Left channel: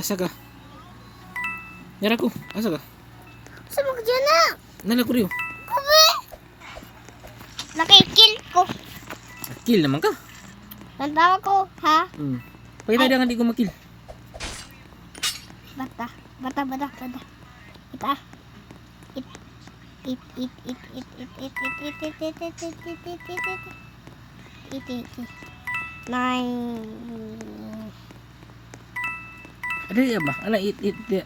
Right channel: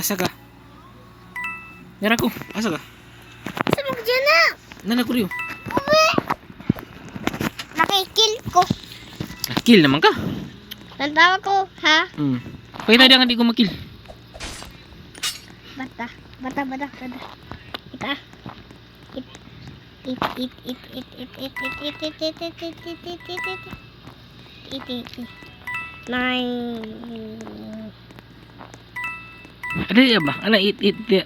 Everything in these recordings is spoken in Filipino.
Asa ka? Yara ko. Asa ka? Sa mo dyan na. Nana ko riyo. Uwi. Nakikill ko. Kill naman ka. Tantawa ko, ha? Kaya na nga di ko makill. Bata. Ita. It. Nine. Ada ya ba? Ala it dia.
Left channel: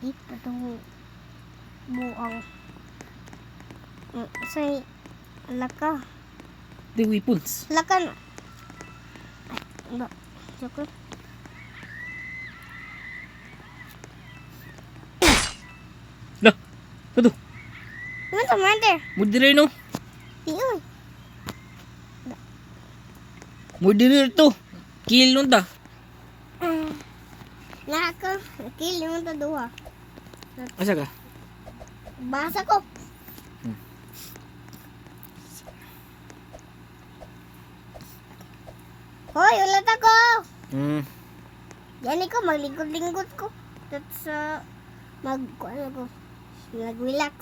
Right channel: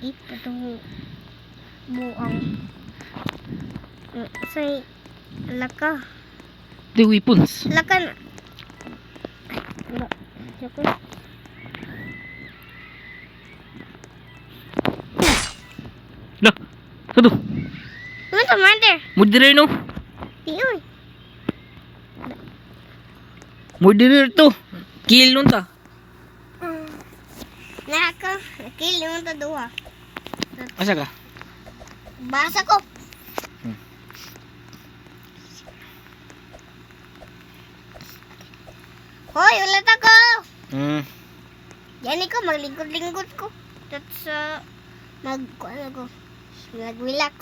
It itong buang. Say, laka. The weapons. Laka na. Ano? Joke. Lah. Satu. Ano to, mother? Murderer no. Iyoy. Murderer to. Kill nun ta. Naka. Kill yung taduha. Asa ka? Basa ko. Hoy, ulat ako. Yan ko, maglingkod-lingkod ko. Tapos, ano ko, nag-relax.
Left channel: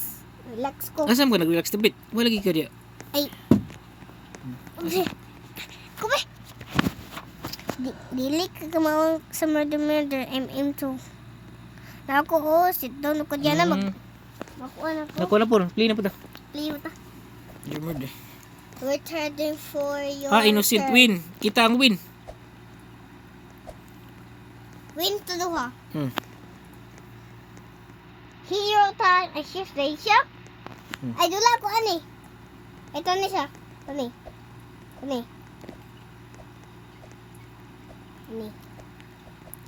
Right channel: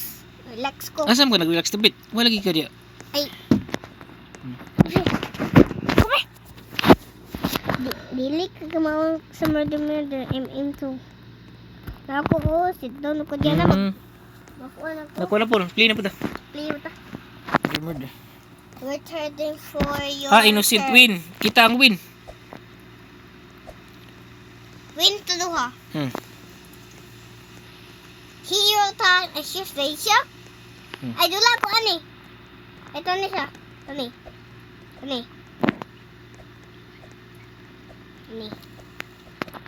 Relax ko. Asa mo ka nag-relax na bit? Wala lagi ka diya. Ay. Kume. Dili ka kamawang sa murder MM2. Ako, sit down ako dyan na makuha na to. Nakuha na po. Play na po ta. Play mo ta. Murder. We're heading for your Innocent turn. win. Kita ang win. Win to duha. Hero time. Ay, shift day siya. Ay, dula ko, ani. Ito ni siya. Ani.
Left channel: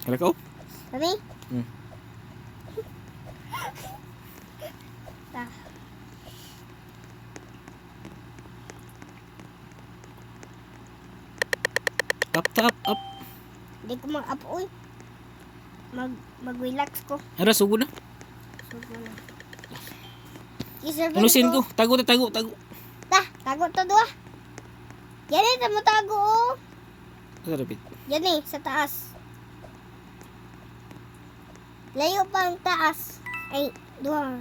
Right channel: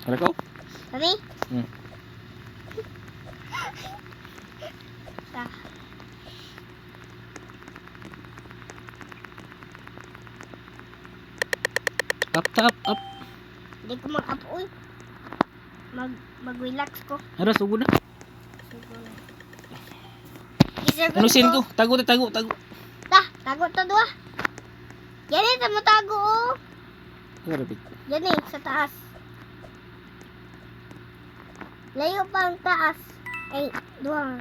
Ada kau? Ani. Hmm. Ah. Up. Hindi ko mag-up-uy. Mag-relax ko. Ada sugod na. Iserve Innocent ko. Tago. Tago to duha. Yan eh, mo tago oh. Karapit. Yan eh, sa taas. Layo pa ang taas. Ay, duha.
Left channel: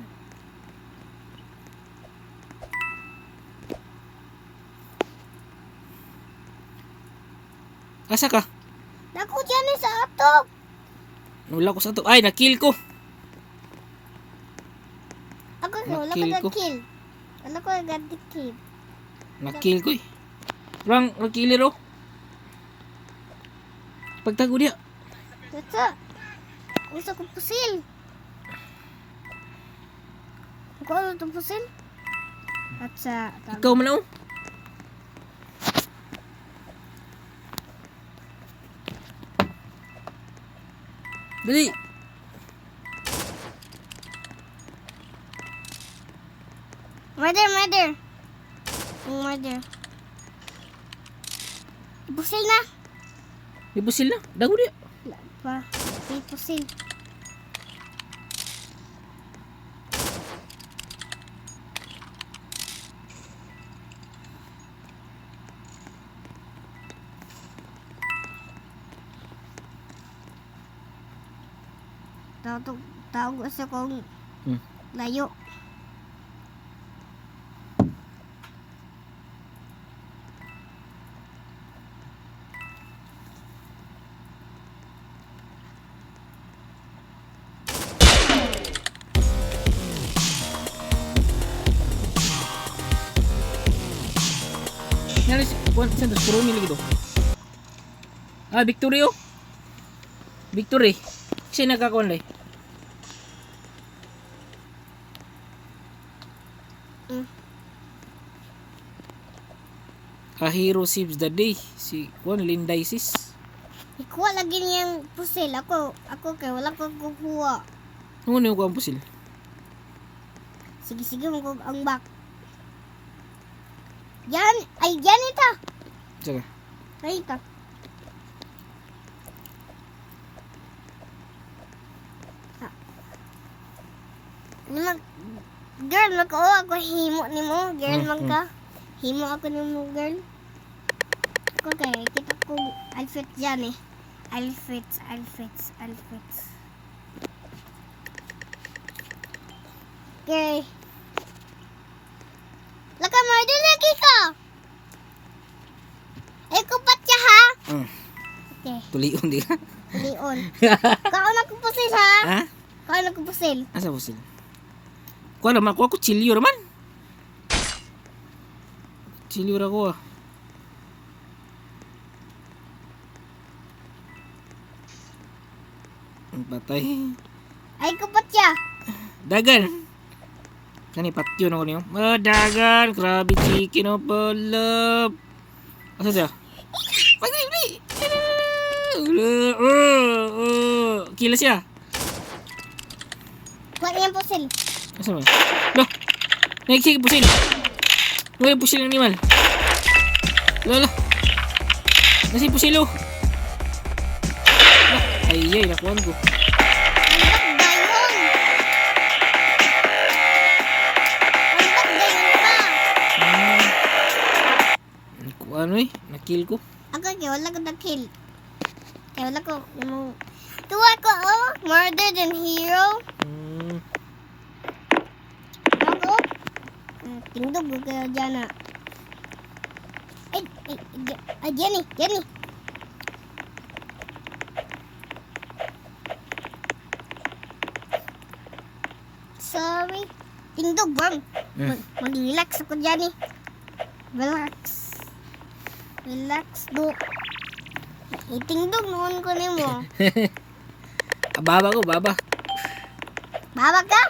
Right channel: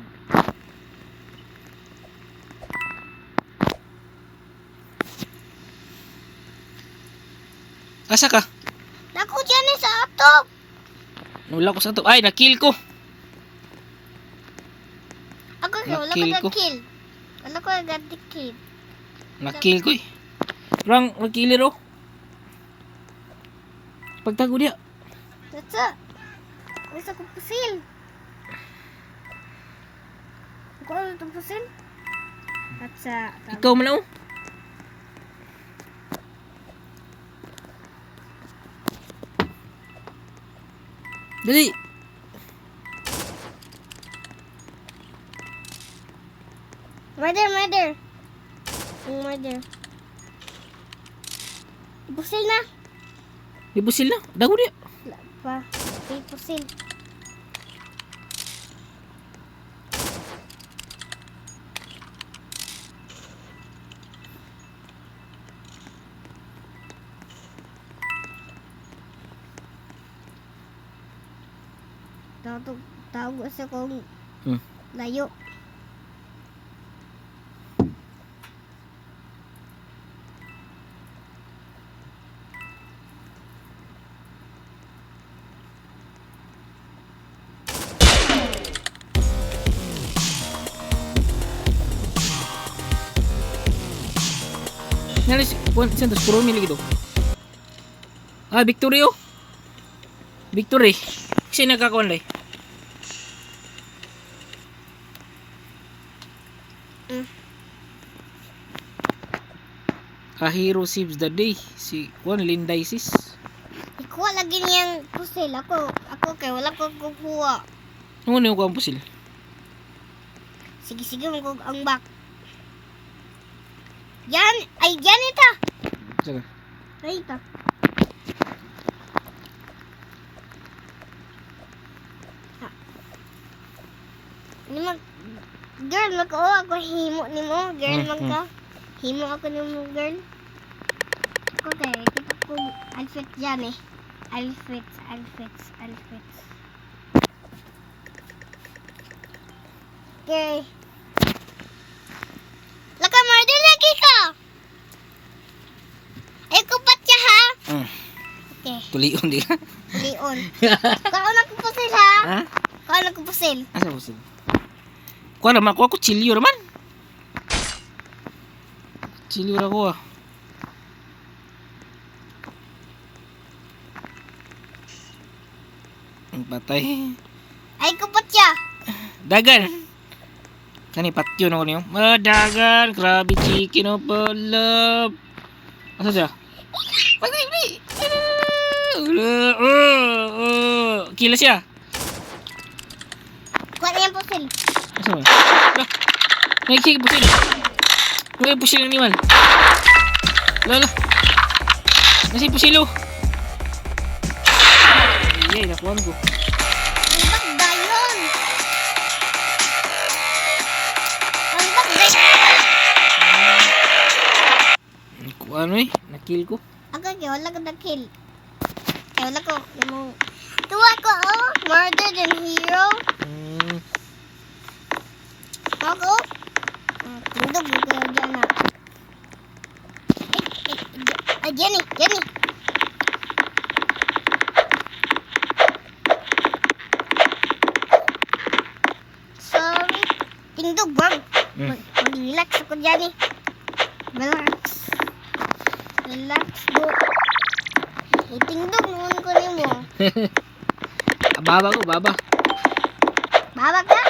Asa ka? Naku dyan eh, sa atop. Wala ko sa to. Ay, na-kill ko. Ako wala Na-kill ko. ko kill. Wala ko kill. Na-kill ko eh. Rang, na-killer oh. Pagtago dia. Tata. Gusto ko pusil. Ako ano itong pusil? At sa... Ikaw man oh. Dali. Murder. Pusil na. Ibusil na. Dago dia. Wala pa. Pusil. Tawag sa kong layo. Nari si Kuan Santos Pro nila gitu. Ah, Victory oh. Victory. Kasi nagkakuan lay. A hero saves the day. Si Kuan Lindaisis. Ikuha lagi niyang pusil. Ako kay wala ko kukuha. Ano yung kuan pusil? Sige mo ang back. Yan ita. Saka. Ay ita. Girl, magkawa ako himo ni mo. Girl, magka. Himo ako ni mo, girl. Ako kay kita ko outfit dyan eh. Alfits. Okay. Laka, murder lagi ka. Ay, kupat siya, ha? Okay. Tulion di ka. Leon. Kaon ako pusil, ha? Ha? Kaon ako pusil. Asa po sila? Kuha naman, kuha ko chilyo naman. Chilyo na ko ah. Ang patay. Ay, kupat siya. Dagan. Kani patyo na ko niyo. Dagan. Krabi chicken o palap. Asa siya? Pagay. Kila siya. Kuha niya pusil. Asa mo? Loh. Nagsige pusil. Ngayon pusil ng animal. Lolo. Nasi pusilo. Ay, nakuhan ko. Ang bagdayon. Nakuhan mo eh. Nakill ko. Ako kaya wala ko na-kill. Kaya wala ko. Tuwa ko, oh. Murder than hero. Ako. Tundog yung kaya dyan, ha. Jenny. Sorry. Tindog, bang. Relax ako, Jenny. Relax, do. Itingdog naman ko niyo mo. Baba ko, baba. Baba ka?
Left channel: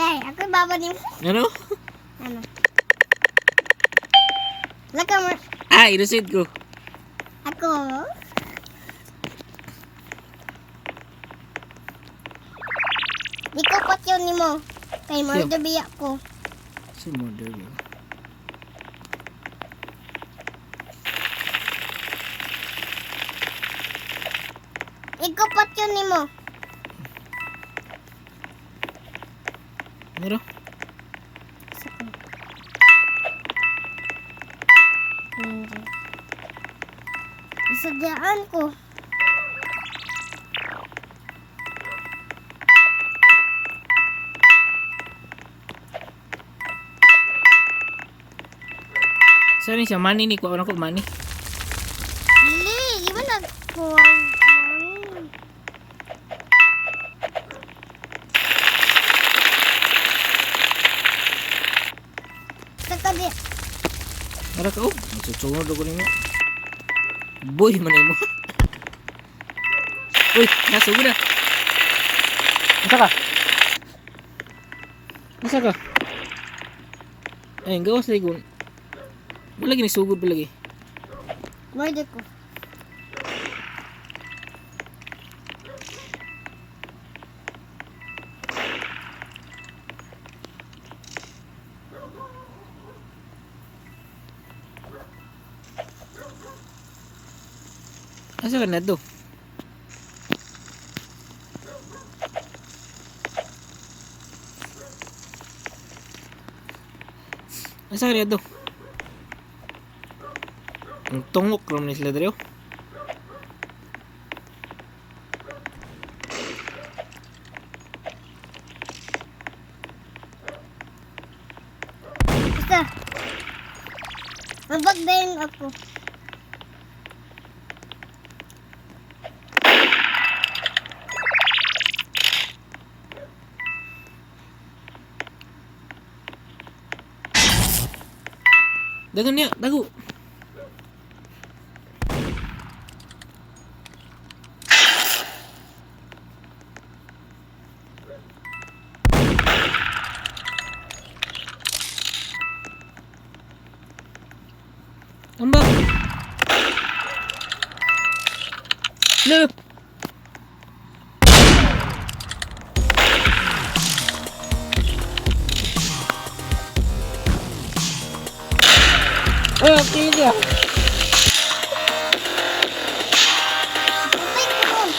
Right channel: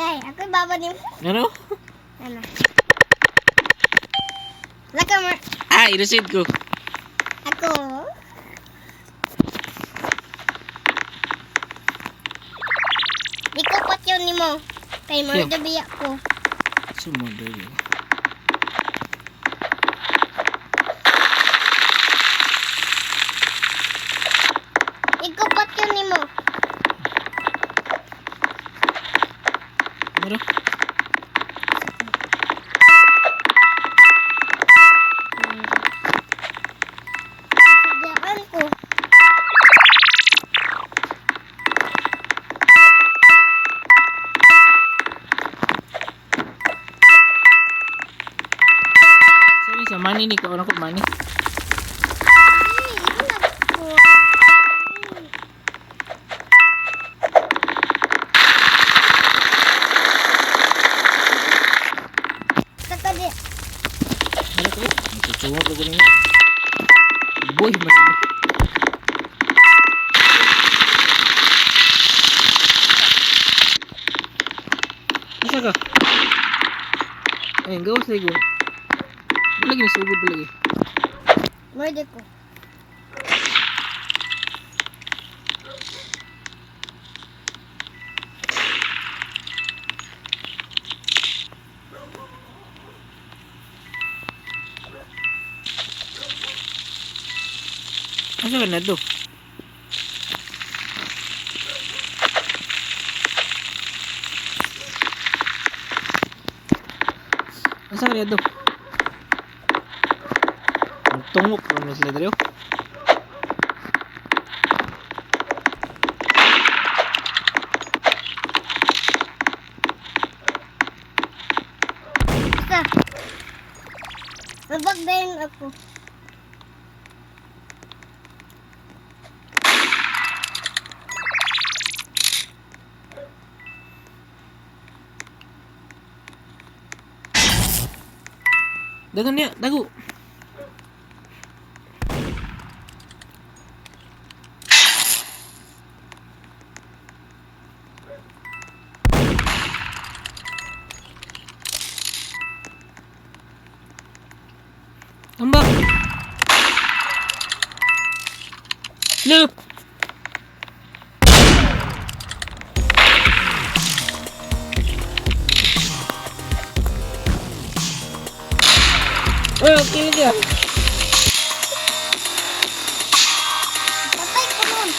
Ako yung baba niyo. Ano? Ano? Laka mo. Inusid ko. Ako. Di ko pot yun ni mo. Kay mo Siya. dabi ako. Sumodol yun. Iko pot yun ni mo. Ano? Isadyaan ko. Saan siya? Money ni ko. Ano ko? Money? Hindi, di ba nagko? Kaka di. Ano ka? Magsusungod ako ninyo. Boy, manay mo. Uy, sige na. Nasa ka? Nasa ka? Ayun, gawas na ko. Wala lagi sugod pa lagi. Murder ko. Asa ka na to? Asa ka na to? Ang tungok naman sila dito. Isa. Mabagdayin ako. Dagan niya, dago. Ambak. Look. Okay dia. Patay ko nun.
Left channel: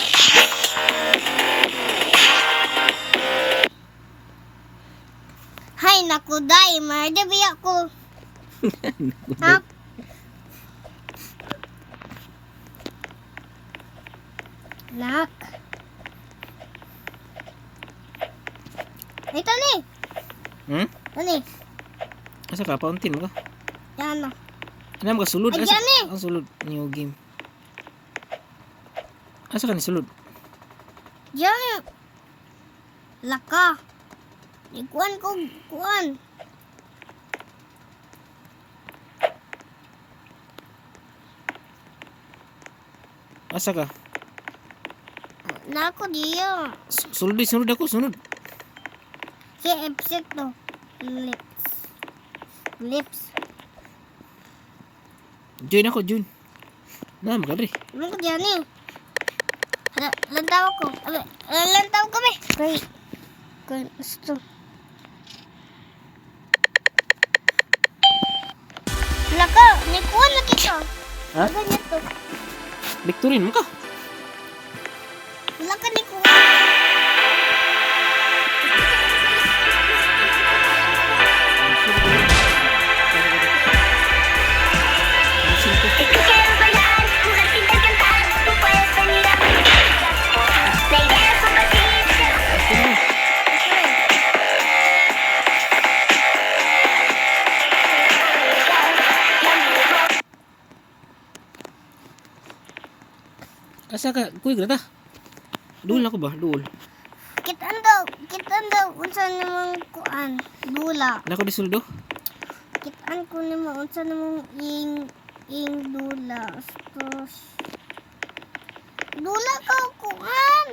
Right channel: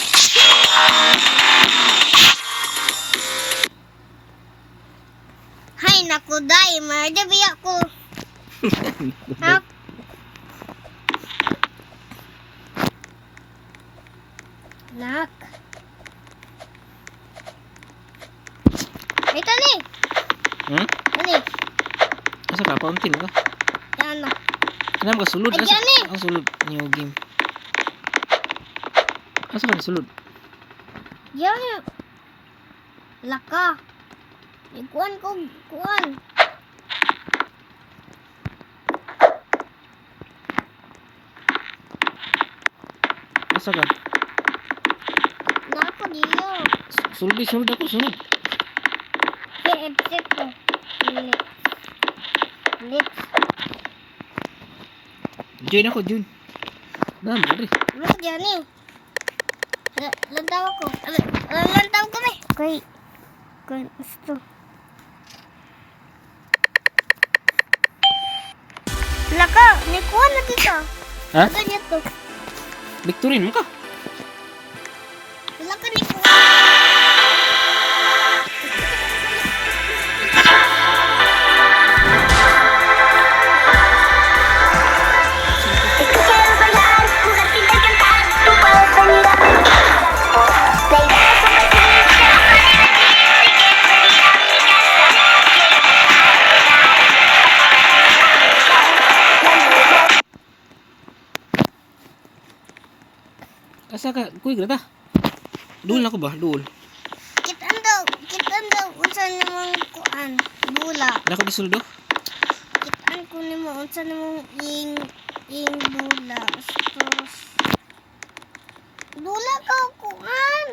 Hay, naku, day. Murder ba ako? Ha? Nak. Ito ni. Hmm? Ani. Asa ka? Fountain ka? Yan na. Kenapa ka sulod? Ay, Asa? dyan eh. Ang sulod. New game. Asa ka sulod? Diyan. Laka. Ikuan ko. Kuan. Asa ka? Na ako diya. Sulod ako, sulod. Si Epsip ko. Lips. Lips. Join ako, join. Dami ka rin. Ano ko diyan eh. Lantaw ko. Lantaw ko may. Kay. Kay. Gusto. Laka. Nikuan lagi ka. Ha? Ganyan to. Victorin mo ka. Laka nikuan. Asa ka? Kuy, grata. Duol ako ba? Duol. Kitaan daw. Unsa namang kuan. Bula. Nako di suldo. Kitaan ko nimo unsa namang ing bula. Tapos bula ka kuan.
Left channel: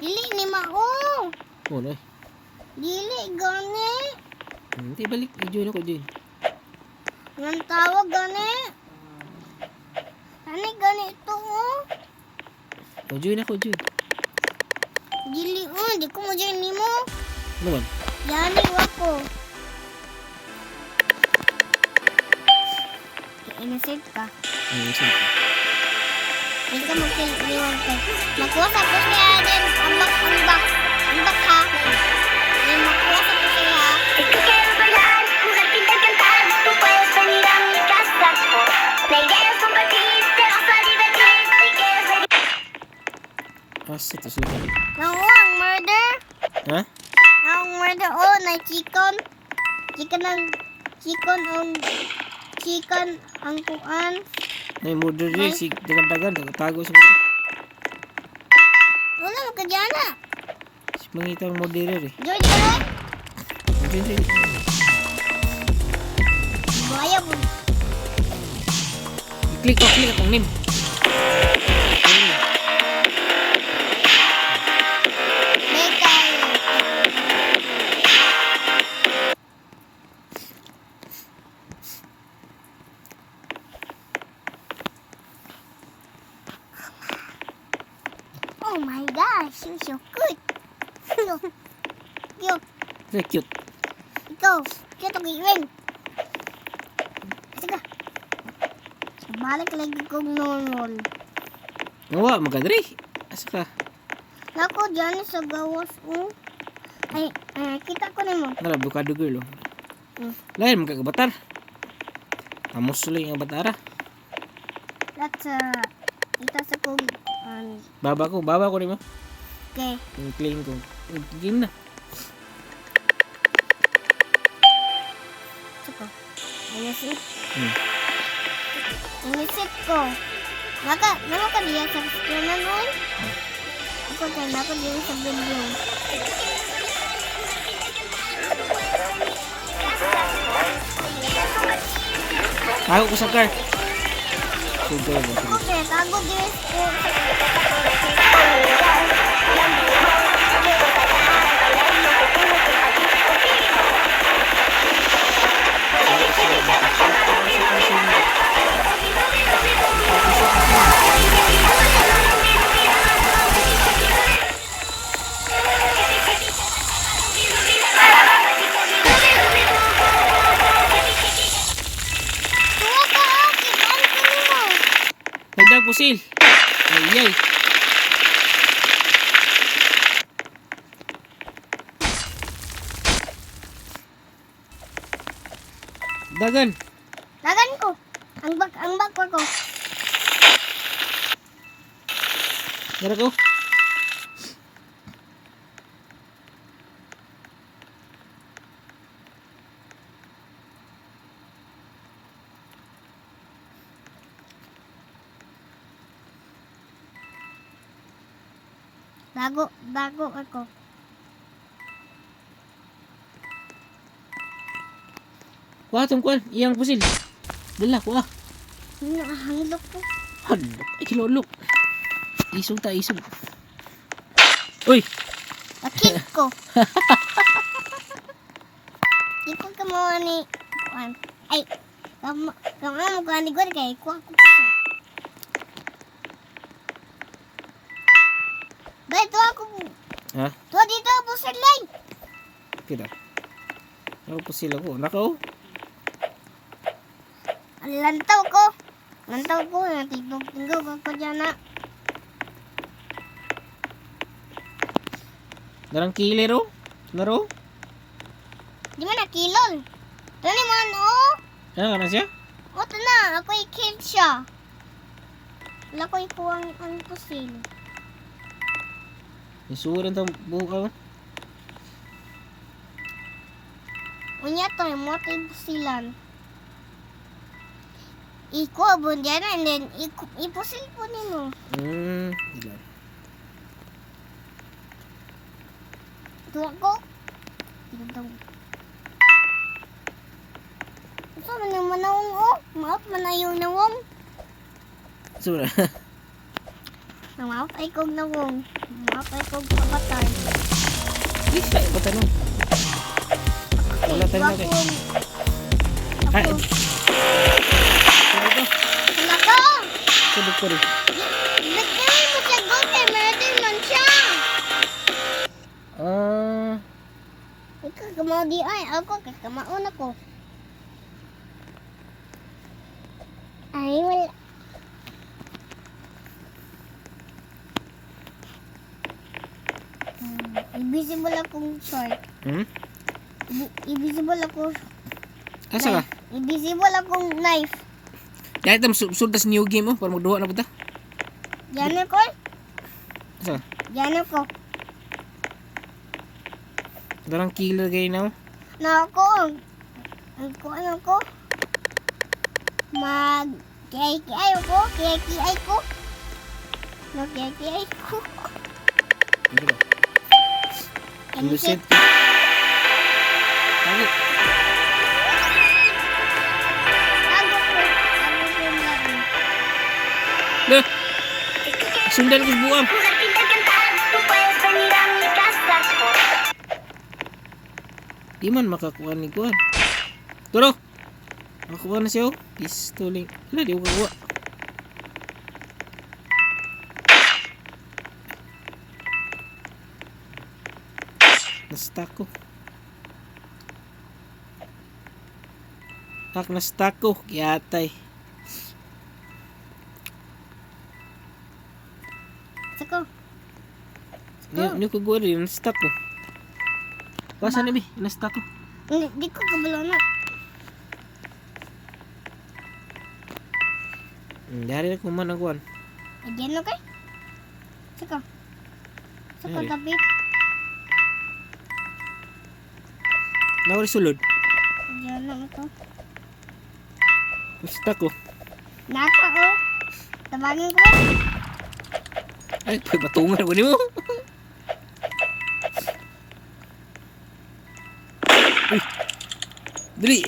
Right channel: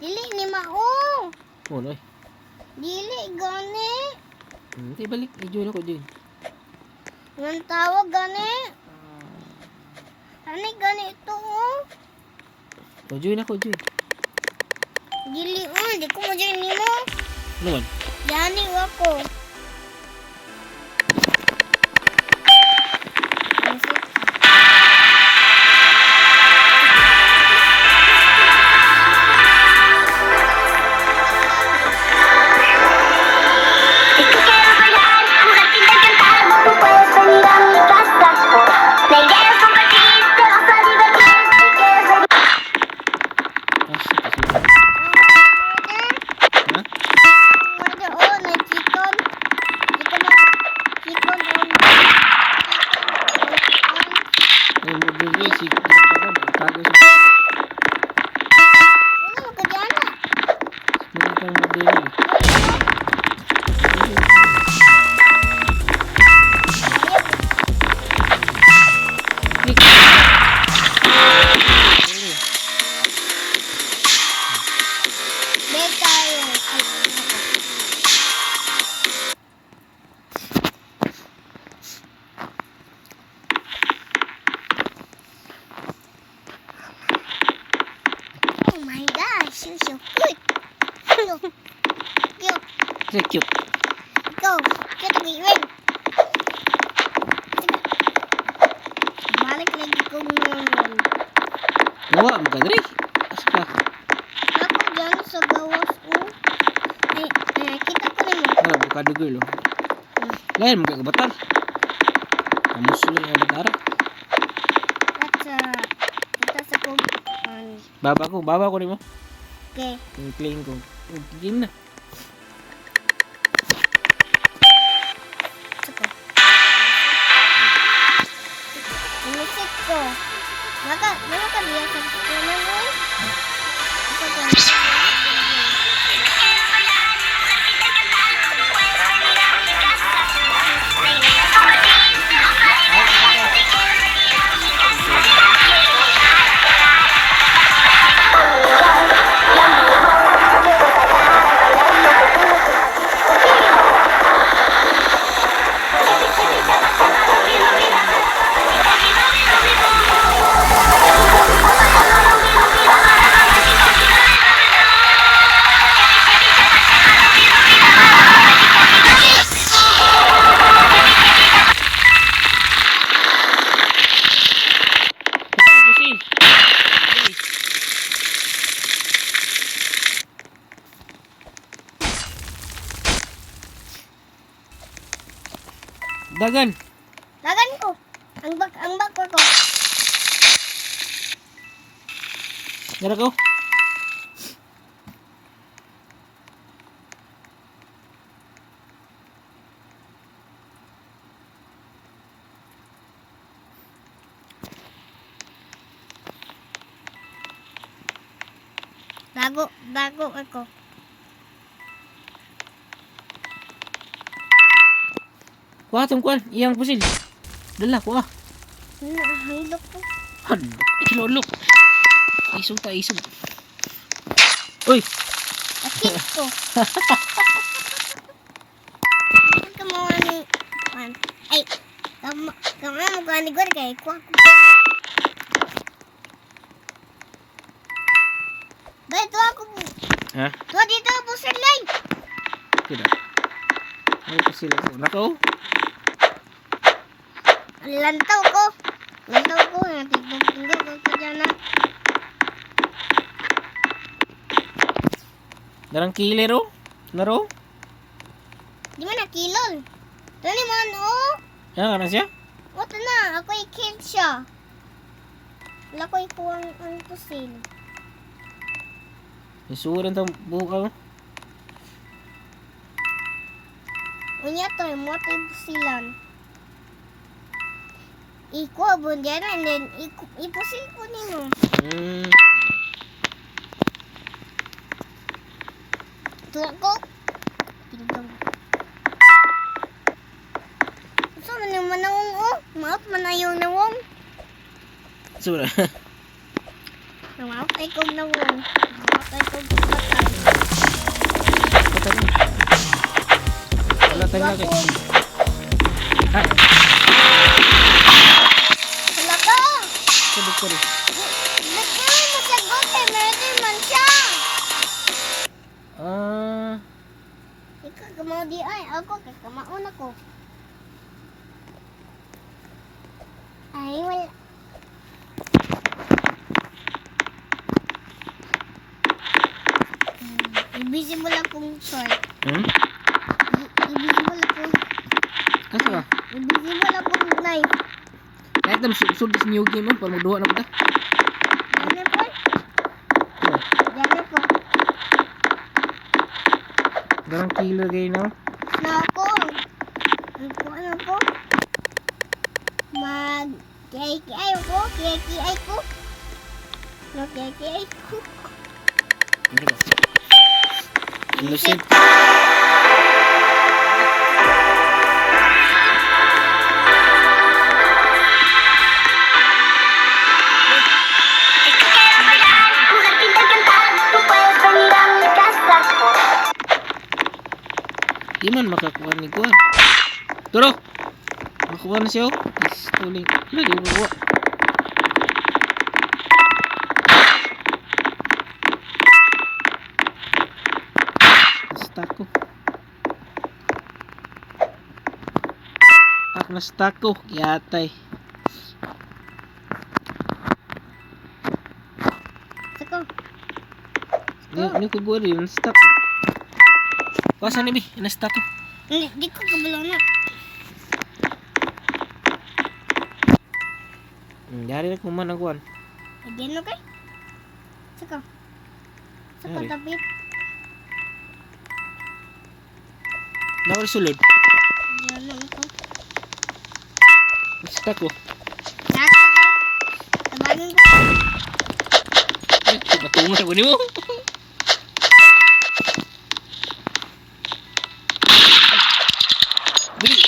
Dili ni mao. Oh, no. Dili gani. Hindi balik. Join ako, join. Yung tawag gani. Ani gani ito oh. Oh, join ako, join. Dili di ko mo dyan nimo. Ano man? Yani wako. Ano sip ka? Si tú quieres bailar, jugarte y cantar, tú puedes venir a mi casa. La idea es compartir, te vas a divertir. Si quieres venir. Ah, shit. Sulod. Ang murder. Ha? Ang murder na chicken. Chicken ang kuan. Ay, murder rin. Si Dagan-dagan. Tago sa Wala mo ka dyan na. mangitang murder rin. Click ako na namin. Oh my gosh, you're so cute. Cute. Kasi cute. Go. Cute ang iwin. Sige. Balik lagi ko ngayon. Nawa, magkadri. Asa ka? Ako dyan sa gawas ko. Ay, kita ko nimo. Nara, bukado girl. Oh. Lain, magkakabatar. Amos lang yung batara. Ito sa kong. Baba ko rin mo. Okay. Yung playing ko. Game na. Sige. Music. Music ko. Maka dia sa streaming mo. Ito ka dia sa video. Ako, isa ka. Hagdag pusil. Ayay. Dagan. Lagan ko. Ang bak ko. Dara ko. Bago ako. Kuha tong kuan, iyang pusil. Dala kuha. Nahilok ko. Hala, kinulok. Isog ta, isog. Uy! Akit ko. Dito ka mo ani. Ay, kamo mo ani gud kay ko. Dito ako. Ha? To dito po sa line. Kida. Ay, pusil ako. Nako. Lantaw ko. Natipong ko dyan na. Darang kilero. Naro. Di man nakilon. Tani man oh. Ano ka na siya? O na, ako i-kill siya. Wala ko ikuwang ang pusil. Isuran ta buhok ako. Unya to, yung mga tayo pusilan. Iko, abon dyan and then ipusil ko nino. Tuwa ko. Tigdong. Gusto man yung manawang oh. Maot manayaw na wong. Sura. Maot ay kong na wong. Maot ay kong patay. Patay na. Wala tayo na kay. Ay, Sila ko! sabog ko rin. Nagkawin mo sa gote, meron man siya. Ikaw kamao di ay, ako kakamaon ako. Ay, wala. Invisible akong sword. Invisible akong... Asa ka? Invisible akong knife. Kaya ito, sudas new game mo, para magduha na po ta. Yan na po. Asa? Yan na po. Darang killer kayo na. Na ako. Ano ko? Kiyay ko. Kiyay ko. Kiyay ko. Ano ba? Innocent. Look! Sundal ko buwan. Pusat pintar cantar, tú puedes venir a mi casa. Di man makakuha ni kuwan. Turo! Makakuha na siya oh. Pistoling. Wala, di ko makakuha. Na-stuck ko. Na-stuck ko. Kiyatay. Sako. Hindi ko gawa rin. Na-stuck ko. Kuwasan na bi. Na-stuck ko. Di ko kabalo na. Dari na kuman ang kuwan. Diyan okay? Sako. Sako Yari. tapi. Nawari sulod. Diyan na ako. Na-stuck ko. Nasa ko. Tabanin ko. Ay, batungan ako ni mo. Uy, dali.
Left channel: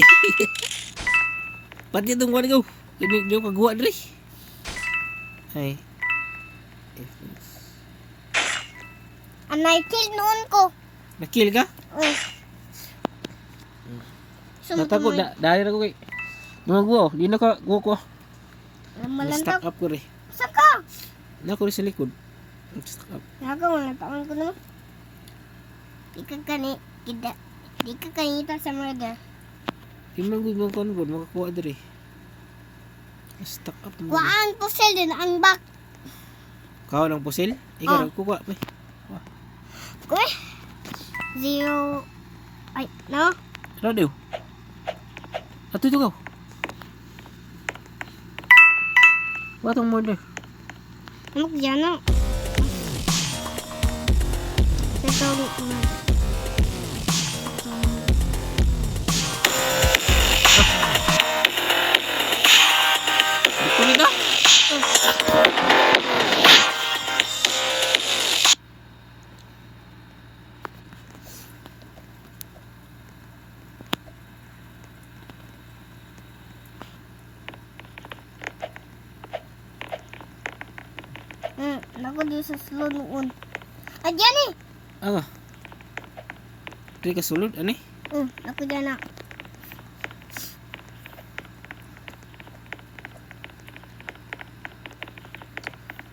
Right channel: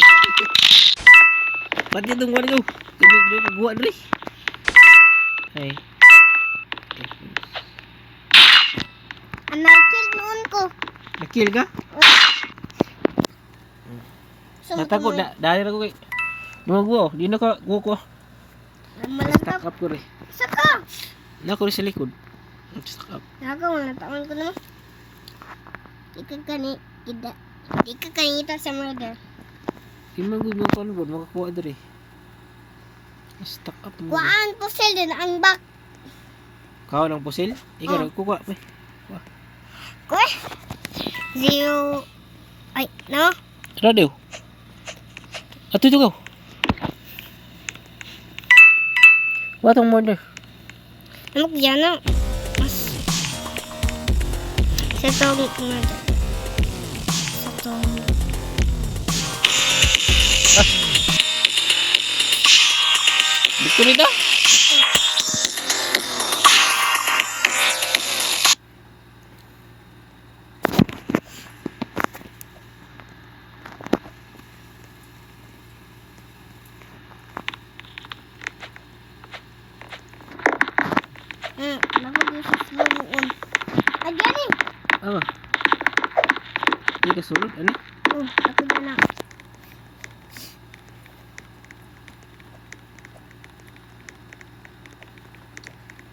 Pati itong kuwan ko. Hindi ko pagkuha dali. Ay. Anay kill noon ko. Nakill ka? Sumpo Natakot. mo. Dali na ko kay. Gumagawa. Di na ka. Guwa ko. Malantaw. Na-stuck up ko rin. Saka. Na ko rin sa likod. Na-stuck up. Wala taon ko no. Di ka kanita sa murder. Di man gud mo konbon. Makakuha dali. Na-stuck up mo. Kuhaan po sila din ang back. Kawan ang pusil? Ikaw Oh. nagkukuha pa. Kuha. 0. Ay, no? Radio. Ato ito ko. Watong murder. Ano ko dyan no? Itong Dito nito. Naku, di sa slow Ayan eh. Oh. Di ka sulod ani? Ako dyan na.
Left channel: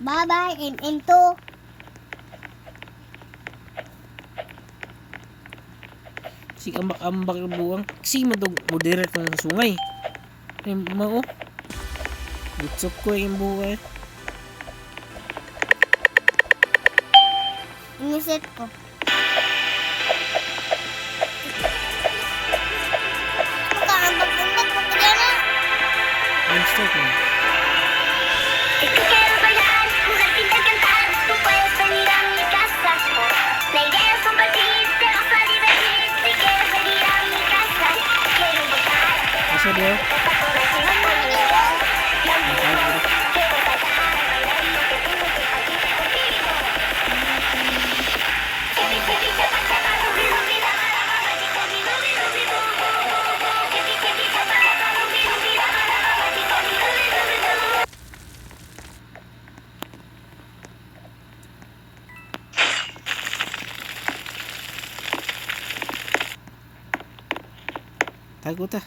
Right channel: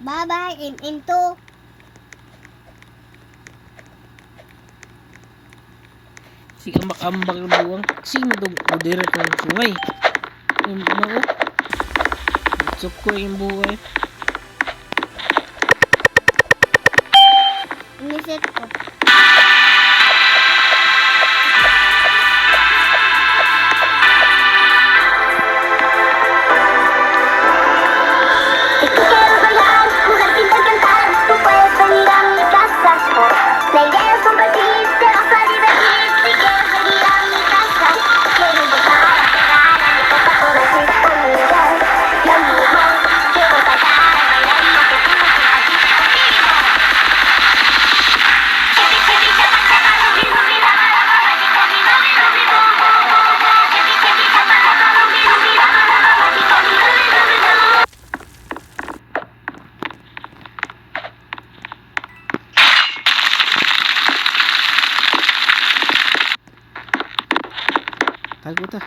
Bye-bye, MM2. Si ambak-ambak ang buwang. Sing mo itong moderate ng sungay. Yung mao. Bitsok ko yung buhay. Iniset ko. Si tú quieres bailar, mujer pinta y cantar, tú puedes venir a mi casa sport. La idea es compartir, te vas a divertir. Si quieres venir a mi casa, quiero empezar. Sabi Está por decir conmigo, lo mismo. Quiero cantar, bailar y que tú me hagas divertido. Chipi, chipi, chapa, chapa, rubi, rubi, la, la, la, la, la, chico, mi, rubi, rubi, bo, bo, bo, bo. Chipi, chipi, chapa, chapa, rubi, rubi, la, la, la, la, la, chico, mi, rubi, rubi, bo. tago ta.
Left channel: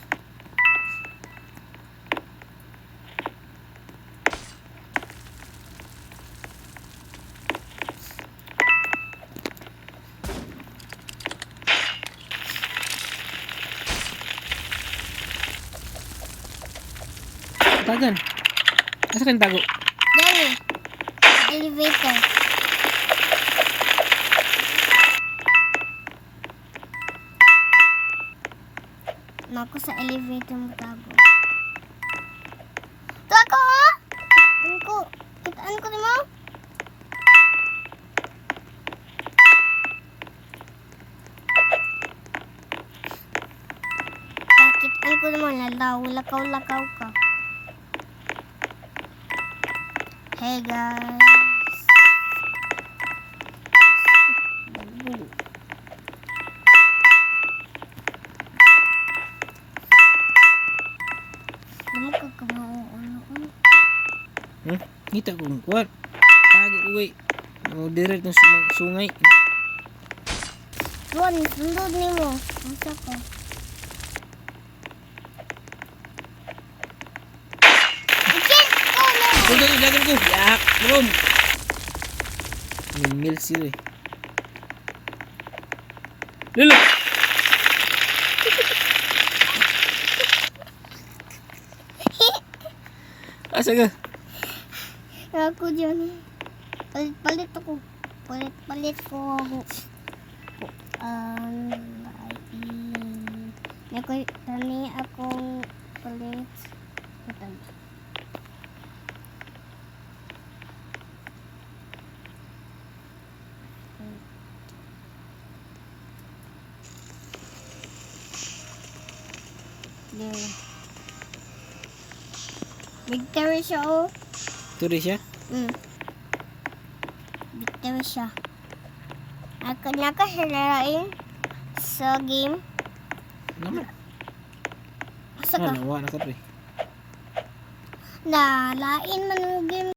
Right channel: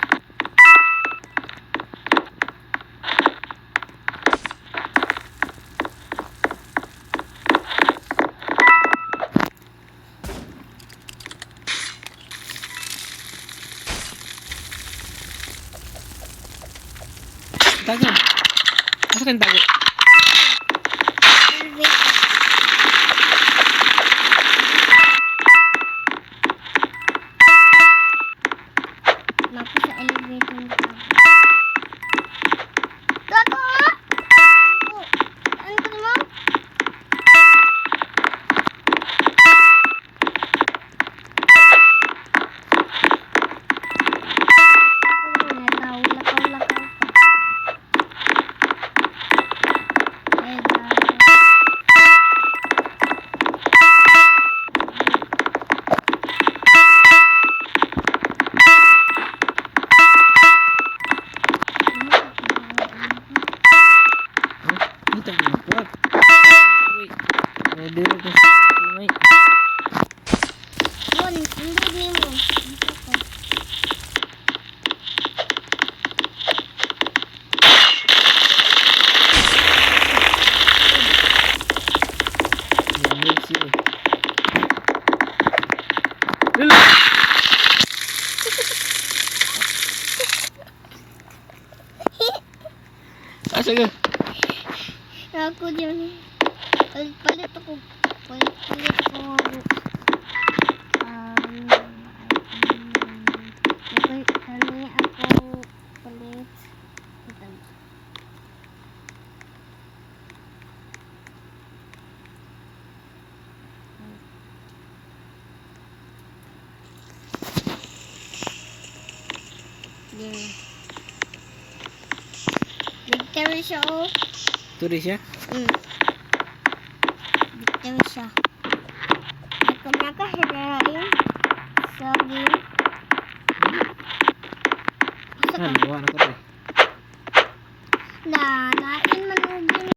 Tagan. Asa kan tago? Dyan eh. Elevator. Mapo sa elevator mo tago. Tago ah! Ano ko? Kitaan ko naman? Kitaan ko naman. Lakaw-lakaw ka. Hey guys. Oh, kita ko ng kuwat. Tago uwi. Moderate ng sungay. Yun, sundod nimo. Ito ko. Dagan ko. Yak, bro. Ningil siya. Lulu. Asa ka? Ako dyan. Palit ako. Palit ko. Kami ako palit. There. Victory siya oh. Turi siya? Victory siya. Ako nakasarain sa game. Sa Ano, wala na ka pre. na lain man